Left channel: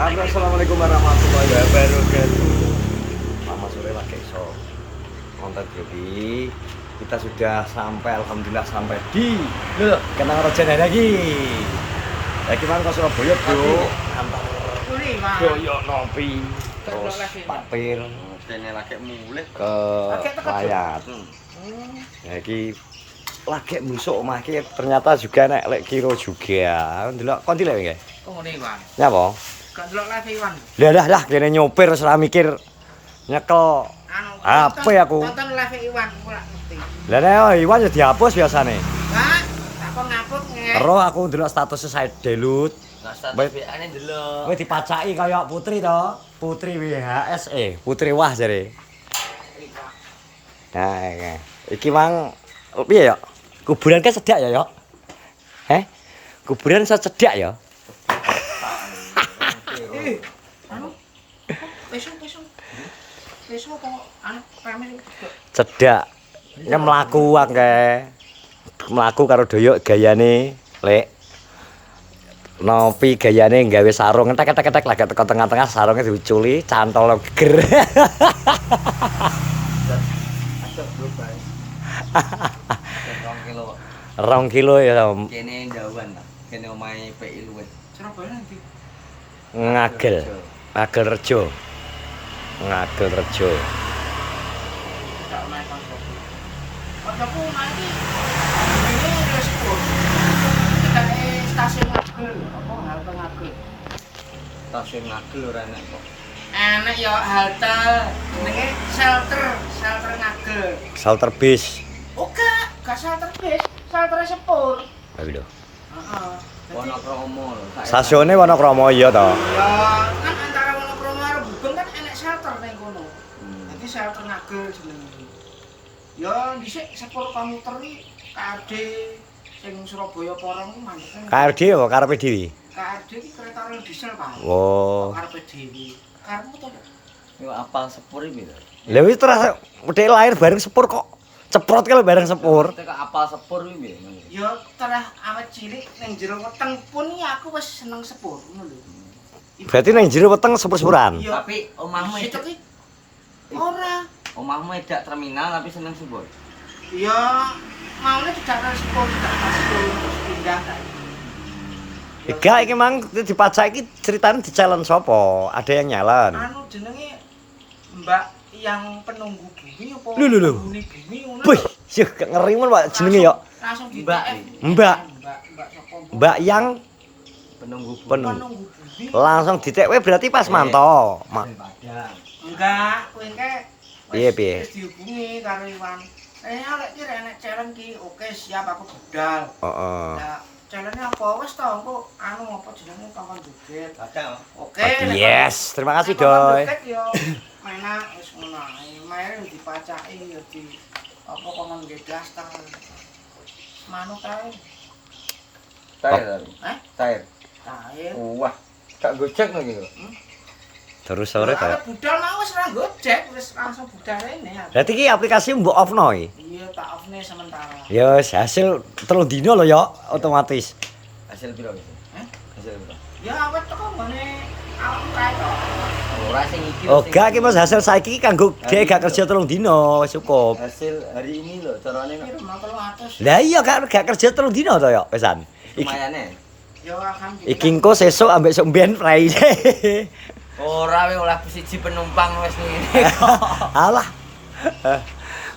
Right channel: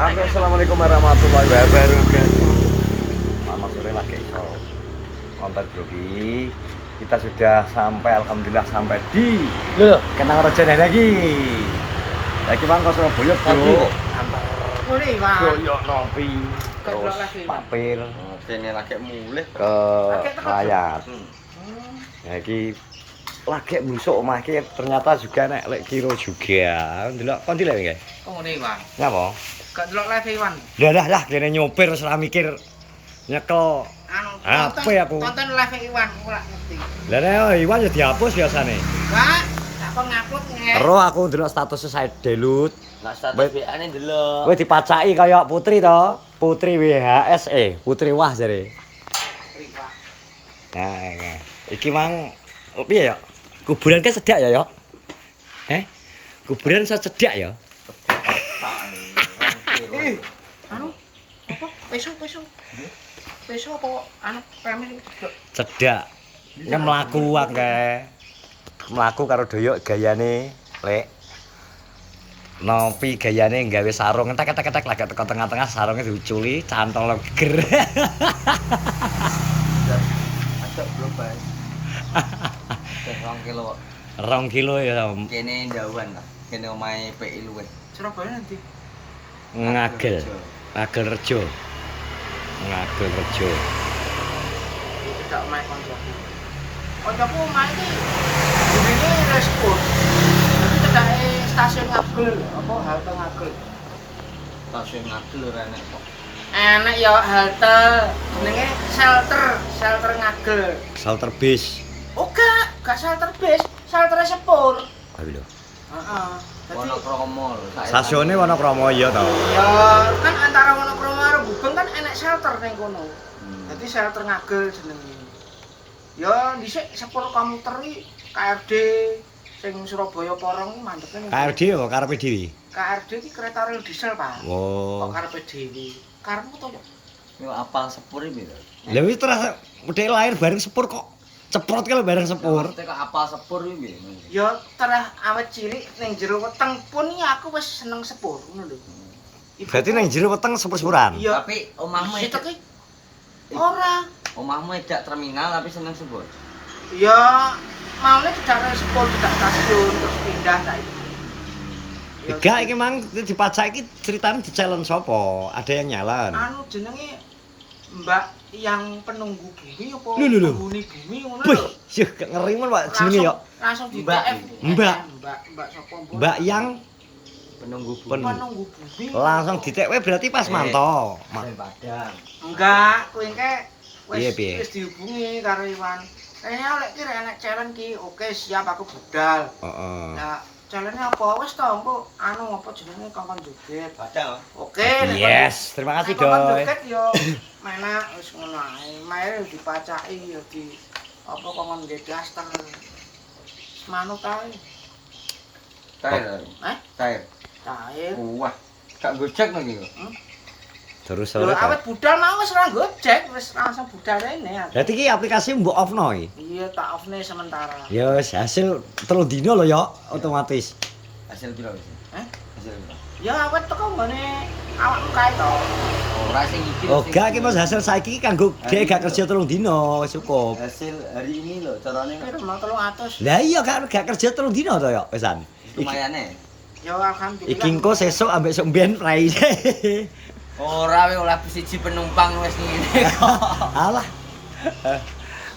Assalamualaikum warahmatullahi wabarakatuh. Selamat sore lagi iso konten Brogi. Kita sudah sampai, alhamdulillah sampai di Kenang Raja lagi. Lagi mang ke Surabaya, Bro. Antar Boyo Nopi terus Papir ke Layat. Lagi lagi musuk omah iki ternyata juga nek lek kira juga. Ndelok kon dilek nggih. Kok ngene, Iwan? Ya apa? Gak delok live Iwan. Lah kene nyopir ora mikir nyekel HP aku. Tonton live Iwan, ora ngerti. Lah nek Iwan ya dihapus biasane. Gak, tak kon ngapus nge. Ero aku ndelok status saya delut. Lah status WA-ne ndelok. Kowe dipacaki kaya Putri to. Putri WHS Putri Wah jare. Nah, iki mang piye ya? Kuburan kan cedak ya, Yok? Heh? Kuburan secedak ya? Anu, apa? Besok. Besok apa anu premis Cedak. Ya mlaku akeh. Mlaku karo doyok gayane, Lek. Nopi gayane nggawe sarung entek-entek lagi teko tengah-tengah sarungnya diuculi, cantol ger. Ada berubah. 2 kilo. 2 kilo ya. Kene jauhan lah. Kene omahe PI luwih. Surabaya nanti. Ngagel Rejo. Ngagel Rejo. Tidak omahe koncoku. Koncoku omahe iki jenenge respon. Cedake stasiun Ngagel ya, apa halte Ngagel. Stasiun Ngagel ora enak kok. Enak ya halte jenenge shelter Ngagel. Shelter bis. Oh gak shelter bis, shelter sepur. Ayo lho. Heeh. Wonokromo lho. Stasiune Wonokromo iya to. Ya kan antara Wonokromo karo Gubeng kan enek shelter ning kono. Jadi shelter Ngagel jenenge. Ya dhisik sepur komuter iki KRD sing Surabaya Porong iki mantep. KRD apa karepe dhewe? KRD iki kereta rel diesel, Pak. Oh. Kok karepe dhewe. Karepmu to, Pak? Yo apal sepur iki lho. Lha wis terus udah lahir bareng sepur kok. Ceprot kalau bareng sepur. Tek apal sepur iki piye? Ya terah awet cilik ning jero weteng pun iki aku wis seneng sepur, ngono lho. Berarti nang jero weteng sepur-sepuran. Ya, Tapi omahmu itu ki ora. omahmu edak terminal tapi seneng sepur. Ya maune tidak sepur, tidak stasiun terus pindah saiki. Enggak iki mang dipajak iki ceritane di challenge sapa? Ada yang nyalon. Anu jenenge Mbak yang penunggu bumi apa Lho. penghuni bumi ngono Wih, lho. sih gak ngeri men Pak jenenge ya. Langsung di Mbak. TF. Mbak. Mbak sapa? Mbak yang Penunggu penunggu bumi. langsung ditekwe berarti pas mantau. Padang. Enggak, kowe engke Piye, piye? wis dihubungi karo Iwan. Kayaknya oleh ki enek challenge ki, oke siap aku budal. Heeh. Nah, challenge-nya apa? Wis to, engko anu apa jenenge kongkon joget. Padang. Oke, nek Yes, terima kasih kongkon Doy. joget yo mana wis ngono ae. Maire dipacaki yo di apa kongkon nggih daster. Manut ae. Tair. Eh? Tair. Cair. Wah, gak gojek lagi lho. Terus sore Awet ta. budal mau wis ora gojek, wis langsung budal rene. Berarti iki aplikasi mbok off-no iki. Iya, tak off-ne sementara. Ya wis hasil 3 dino lho ya otomatis. Hasil piro wis? Hah? Hasil piro? Ya awet teko nggone awakmu kae to. Ora sing iki. Oh, gak iki Mas hasil saiki kanggo dhek gak kerja 3 dino wis cukup. Hasil hari ini lho carane Piro mau 300. Lah iya gak kerja 3 dino to ya pisan. lumayane. Ya alhamdulillah. Iki engko sesuk ambek sok mbiyen prai. Ora we oleh siji penumpang wis ngene. Alah,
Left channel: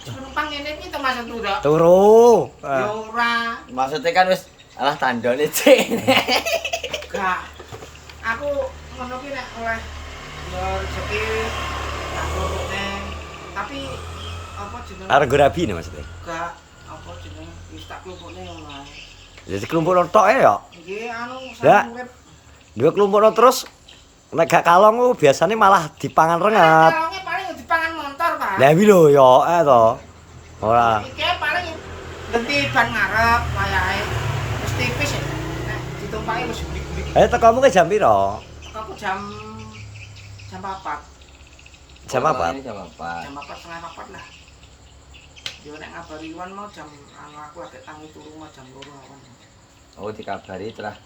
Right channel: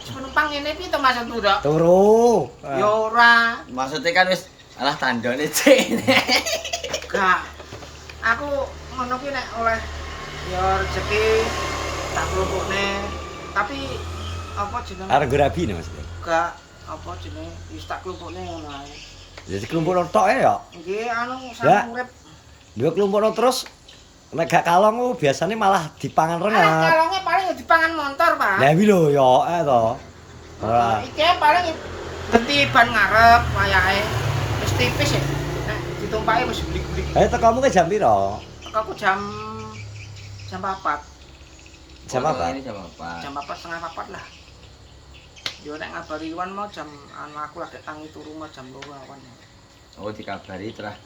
Penumpang ngene iki to maksud ndak? turu. Ya ora. Maksudnya kan wis alah tandane cek. Gak. Aku ngono ki nek oleh ya rezeki tak klumpukne. Tapi apa jenenge? Arep rabi nih Mas. Gak apa jenenge wis tak klumpukne ngono ae. Jadi kelompok tok ya. Nggih anu Ya. sang urip. Gue kelompok terus nek gak kalong lu biasanya malah dipangan rengat. Kalonge paling ya dipangan motor, Pak. Lah iki lho ya to. Ora. Iki paling ganti ban ngarep wayahe. Wis tipis ya. Nek ditumpaki wis blik-blik. Ayo tekomu ke jam piro? Aku jam 4. Jam apa? Ini jam apa? Jam 4:30 lah. Yo nek ngabari Iwan mau jam anu aku lagi tangi turu mau jam 2 awan. Oh dikabari terus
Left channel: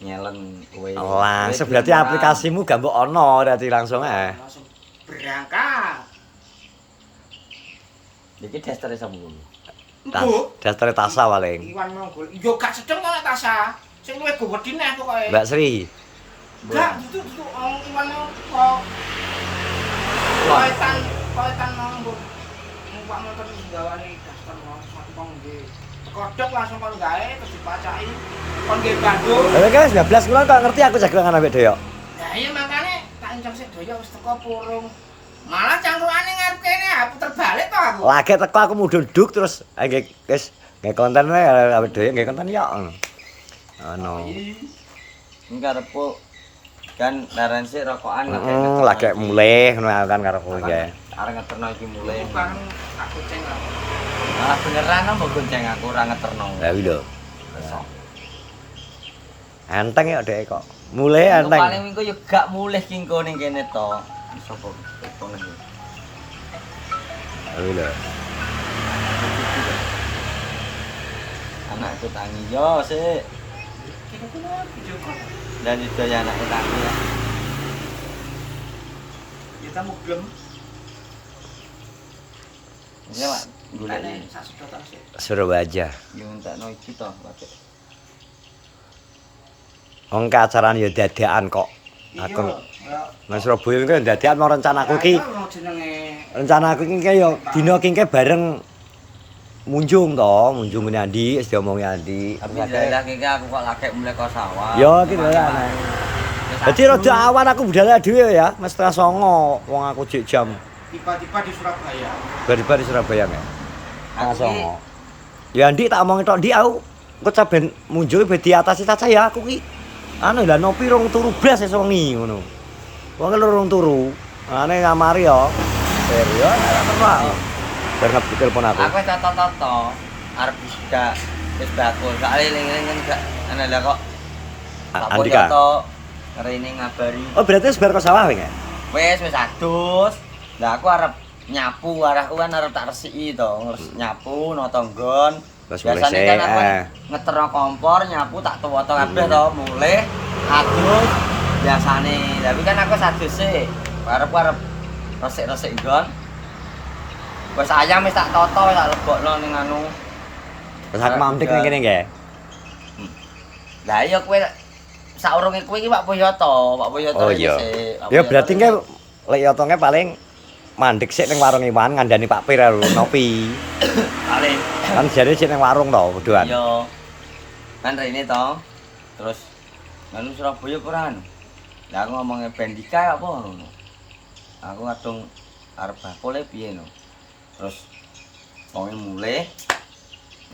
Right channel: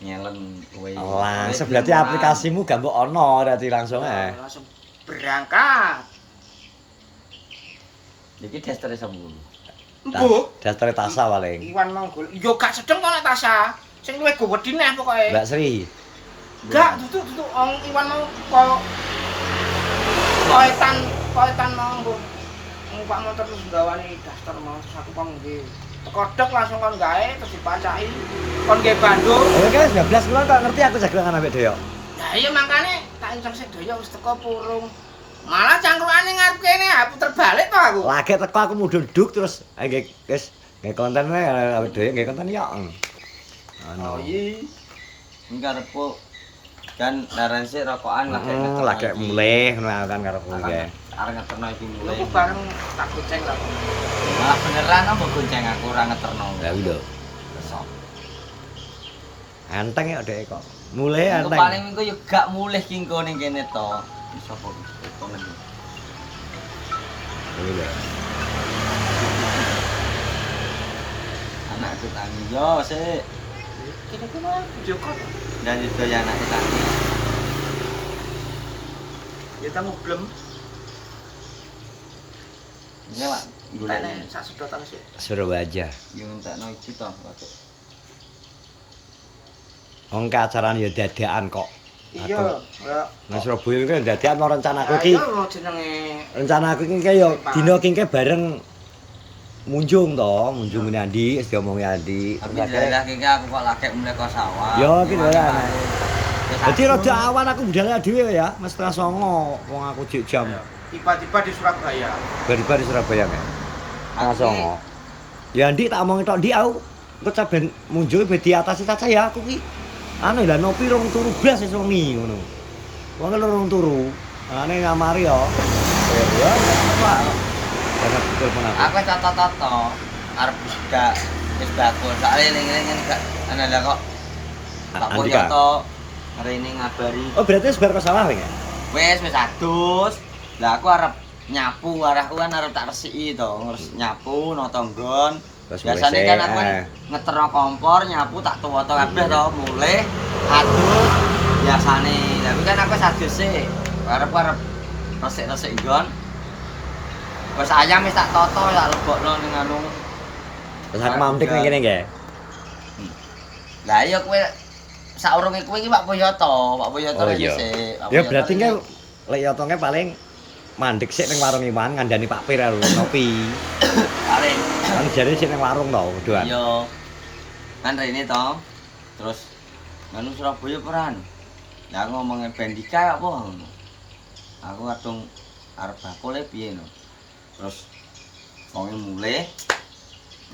nyelen kowe. Langsung berarti aplikasimu gak mbok ono berarti langsung Langsung berangkat. Iki dasare sapa? Mbok, Dasare Tasa paling. Iwan Monggol. Yo gak sedeng kok nek Tasya. Sing luwih gowedi neh pokoke. Mbak Sri. Gak, itu Iwan mau kok poetan mau mbok. Pak motor gawane daftar mau terus aku kon nggih. Tekodok langsung kon gawe terus dipacaki. Kon nggih Bandung. Lah kan 19 kilo kok ngerti aku jagongan ambek Doyok. Lah iya makane tak encong sik Doyok wis teko purung. Malah cangkrukane ngarep kene puter balik to aku. Lagi teko aku mudhunduk terus nggih wis nggih konten wae ambek Doyok nggih konten ya. Ono. Karepku kan laran sik rokokan lagi mulai ngono kan karepku ya. Arep ngeterno iki mulai. Aku bareng tak goceng lah. Malah beneran mbok gonceng aku ora ngeterno. Lah iya. Anteng ya Dek kok. Mulai anteng. Paling minggu yo gak mulih kingko ning kene to. Sapa kok ngene. Iya. Anakku tangi yo sik. Kira-kira video call. Dan juga ya anaknya tangi ya. Ya tamu belum. Ya Pak, golek Sak sedotan sik. Surabaya. yo entekno iki to, Pak. Wong acarane ya dadakan kok. Iya, ya. Nah Surabaya iki dadakan mau rencanaku iki. Ya jenenge Rencanaku iki ya dina iki bareng munjung to, munjung ngene Andi, wis diomongi Andi. Terus akhirnya aku kok lagi mulai ke sawah. Yo iki lho anak. Dadi rada awan aku budal dhewe ya, Mas 09:30 wong aku jek jam. tiba-tiba di Surabaya. Bari-bari Surabaya nggih. 09:30. Ya Andi tak omongi tok Andi aku kok saben munjung ben diatasi saja ya aku ki. Anu lah nopi rong turu blas esuk wengi ngono. Wong rong turu. Ane ngamari yo. Serio nek tak terus. Dan telepon aku. Aku toto-toto arep wis bakul. Soale eling-eling gak ana lah kok. Andika. Foto rene ngabari. Oh berarti wis bar ke sawah wingi. Wis adus. Lah aku arep nyapu, arahku kan arep tak resiki to, ngurus nyapu nata nggon. Biasane kan aku ngeterno kompor, nyapu tak tuwa-tuwa kabeh to, mulih adus biasane. Tapi kan aku wis adus sik. Arep resik-resik nggon. Wis ayam wis tak toto wis tak lebokno ning anu. Terus aku mampik ning kene nggih. Lah iya kowe saurunge kowe iki Pak Boyoto, Pak Boyoto Oh iki iya. sik. Ya berarti nggih lek yotonge paling mandek sik ning warung Iwan ngandani Pak Pir ngopi. Paling. Kan jare sik ning warung to kuduan. Iya. Kan rene to. Terus nang Surabaya peran. Lah aku ngomongnya Bendika apa ngono. Aku ngadung arep bakule piye no. Terus wong mulih.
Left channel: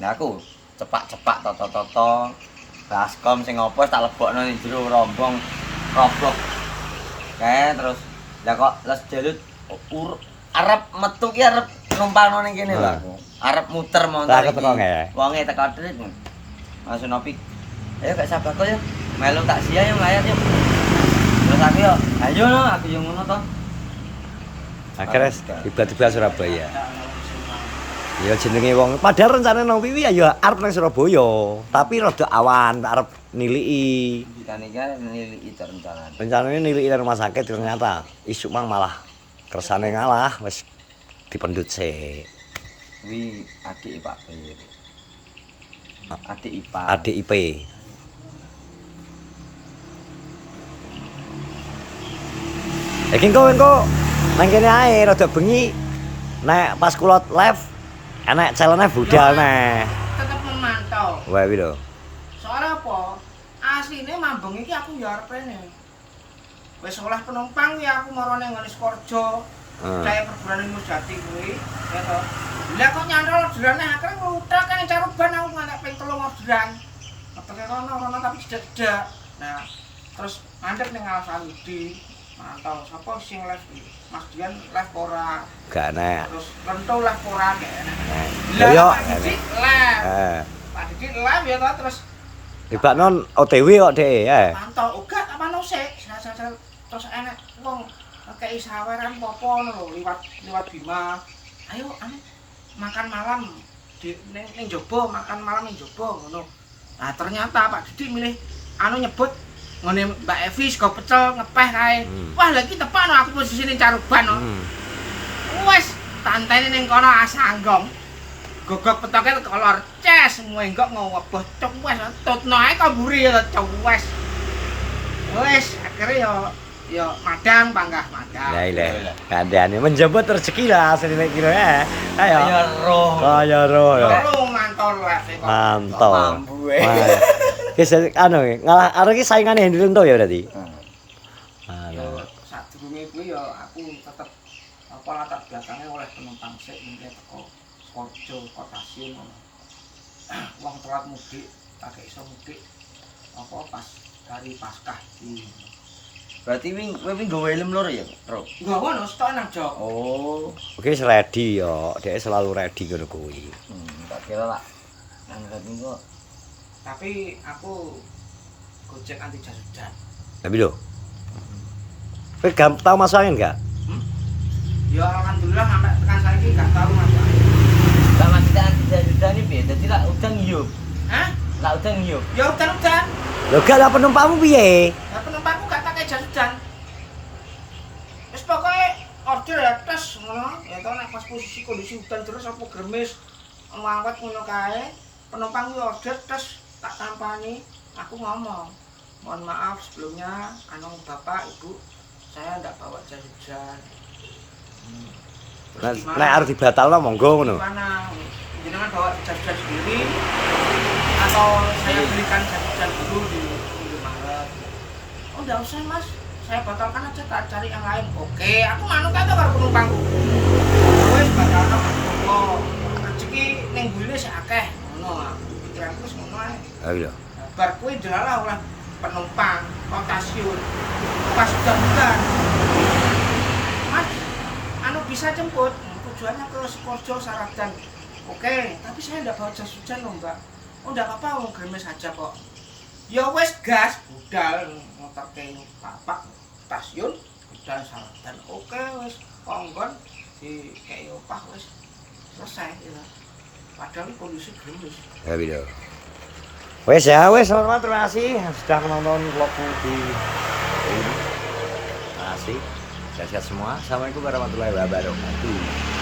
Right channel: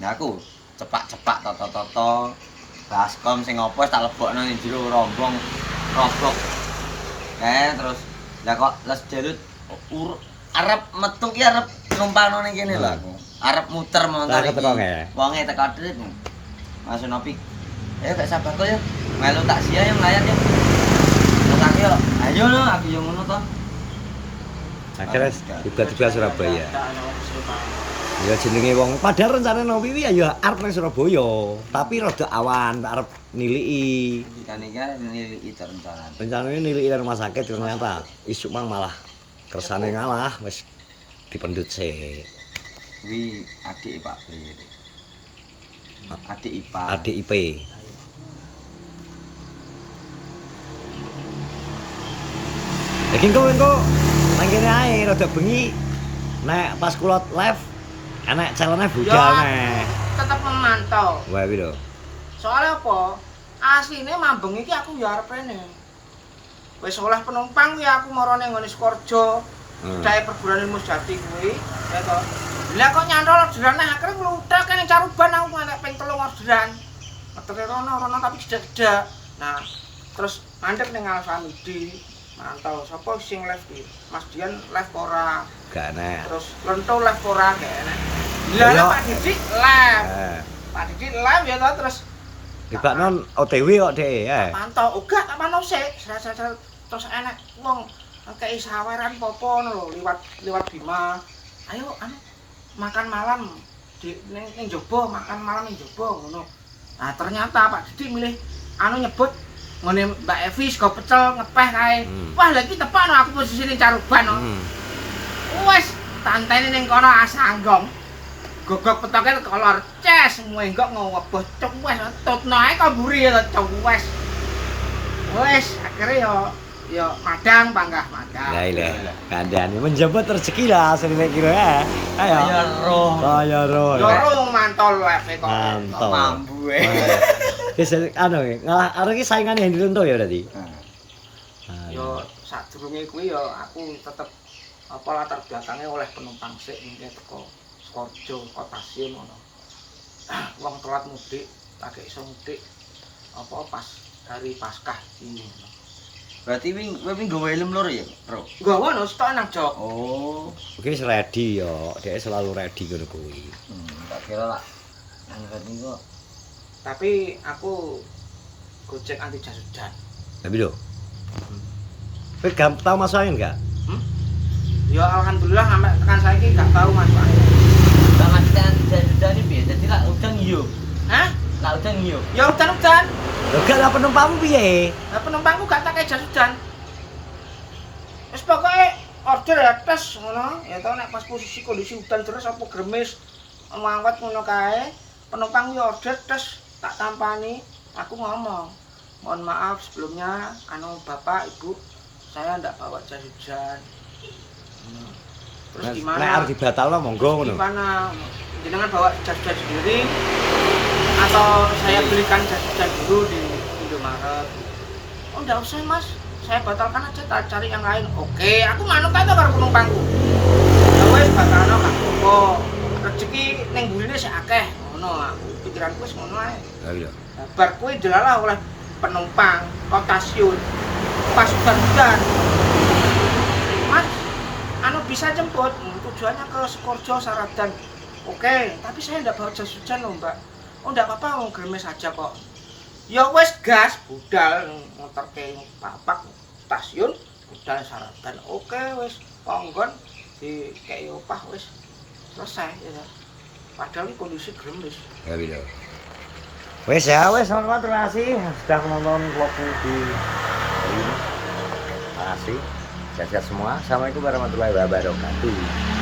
Lah aku cepak-cepak toto-toto. Baskom sing opo tak lebokno ning jero rombong robok. Terus lah kok les jalut arep metu ki arep numpangno ning kene lho aku. Arep muter motor Tak keteko nggih. Wonge teko trik. Langsung nopi. Ayo gak sabar kok ya. Melu tak sia yang layar ya. Terus aku yo, ayo no aku yo ngono to. Akhirnya tiba-tiba Surabaya. Ya jenenge wong padahal rencana nopi ya arep nang Surabaya, tapi rada awan, tak arep niliki. Dikane kan niliki rencana. Rencananya niliki rumah sakit ternyata isuk mang malah kersane ngalah wis dipendut sik. Kuwi adik Pak Pir. Adik IPA. Adik IP. Iki engko nang kene ae rada bengi nek pas kula live enek challenge budal nek. Tetep memantau. Wah iki lho. Soalnya apa? Asline mambeng iki aku ya arep rene. Wis oleh penumpang kuwi aku marane ngene Sukorejo. Dae perguruan ilmu Jati kuwi, ya to. Lah kok nyantol orderan akhire ngluthak kene Caruban aku ngantek ping 3 orderan. Meteke rono tapi jedak-jedak. Nah, terus mandek ning Alsamidi. Mantau sapa sing live iki? Mas Dian live ora? Gak enek. Terus Lento live ora nek enek. Lah, Lah Pak Didik live. Pak Didik live ya to terus Dibakno OTW kok Dek, mantau uga tak mantau sik. Terus enek wong kei saweran popo ngono lho liwat Bima. Ayo anu makan malam di ning jaba, makan malam ning jaba ngono. Nah ternyata Pak Didik milih anu nyebut ngene Mbak Evi sego pecel ngepeh kae. Wah, lha iki tepakno aku posisine caruban no. Wes tantene ning kono asanggong. Gogok petoke kolor ces mwenggok ngoweboh cuk wes tutno ae kok mburi ya cuk wes. Wes akhire ya madang panggah madang. Lah ile kandhane menjemput rezeki lah asline kira ya. Ayo. Kaya roh. Loro mantol level kok. Mantap. Mambu Wis anu ngalah arek iki saingane Hendrik to ya berarti. Yo sadurunge kuwi yo aku tetep apa latar belakangnya oleh penumpang sik mingke teko Skorjo Kotasiun ngono. Wong telat mudik, tak iso mudik apa pas hari Paskah iki. Berarti kowe nggawa helm loro ya, Bro? Nggawa no stok nang jok. Oh. Oke ready yo, dhek selalu ready ngono kuwi. Tak kira lah. Nang ready kok. Tapi aku Gojek anti jas hujan. Tapi lho. Kowe tau masuk angin gak? Ya alhamdulillah sampai tekan saiki gak tahu masuk angin. Lah maksudnya jas-jas iki piye? Dadi lak udan yo. Hah? Lak udan yo. Ya udan-udan. Lho gak lah penumpangmu piye? Lah penumpangku gak tak jas hujan. Wis pokoke order ya tes ngono, ya tau nek pas posisi kondisi hujan terus apa gremis ngawat ngono kae, penumpang yo order tes tak tampani, aku ngomong, mohon maaf sebelumnya anu Bapak Ibu, saya ndak bawa jas hujan. Terus gimana? Nek arep dibatalno monggo ngono. Gimana? Jenengan bawa jas hujan sendiri atau saya belikan jas hujan dulu di Indomaret? Oh enggak usah Mas, saya batalkan aja, tak cari yang lain. Oke, aku manut aja karo penumpangku. Ya wis batalno gak apa-apa. Rezeki ning burine sik akeh, ngono aku pikiranku wis ngono ae. Ha iya. Nah, bar kuwi delalah oleh penumpang Kotasiun pas hujan. Mas, anu bisa jemput, tujuannya ke Skorjo Saradan. Oke, tapi saya enggak bawa jas hujan loh Mbak. Oh enggak apa-apa, mau gremes aja kok. Ya wes gas, budal motorke Bapak stasiun, budal Saradan. Oke wes ponggon di kei opah wes selesai ya. Padahal kondisi gremes. Ya iya. Wes ya, wes selamat terima kasih sudah menonton vlogku di hari ini. Terima kasih. Sehat-sehat semua. Assalamualaikum warahmatullahi wabarakatuh.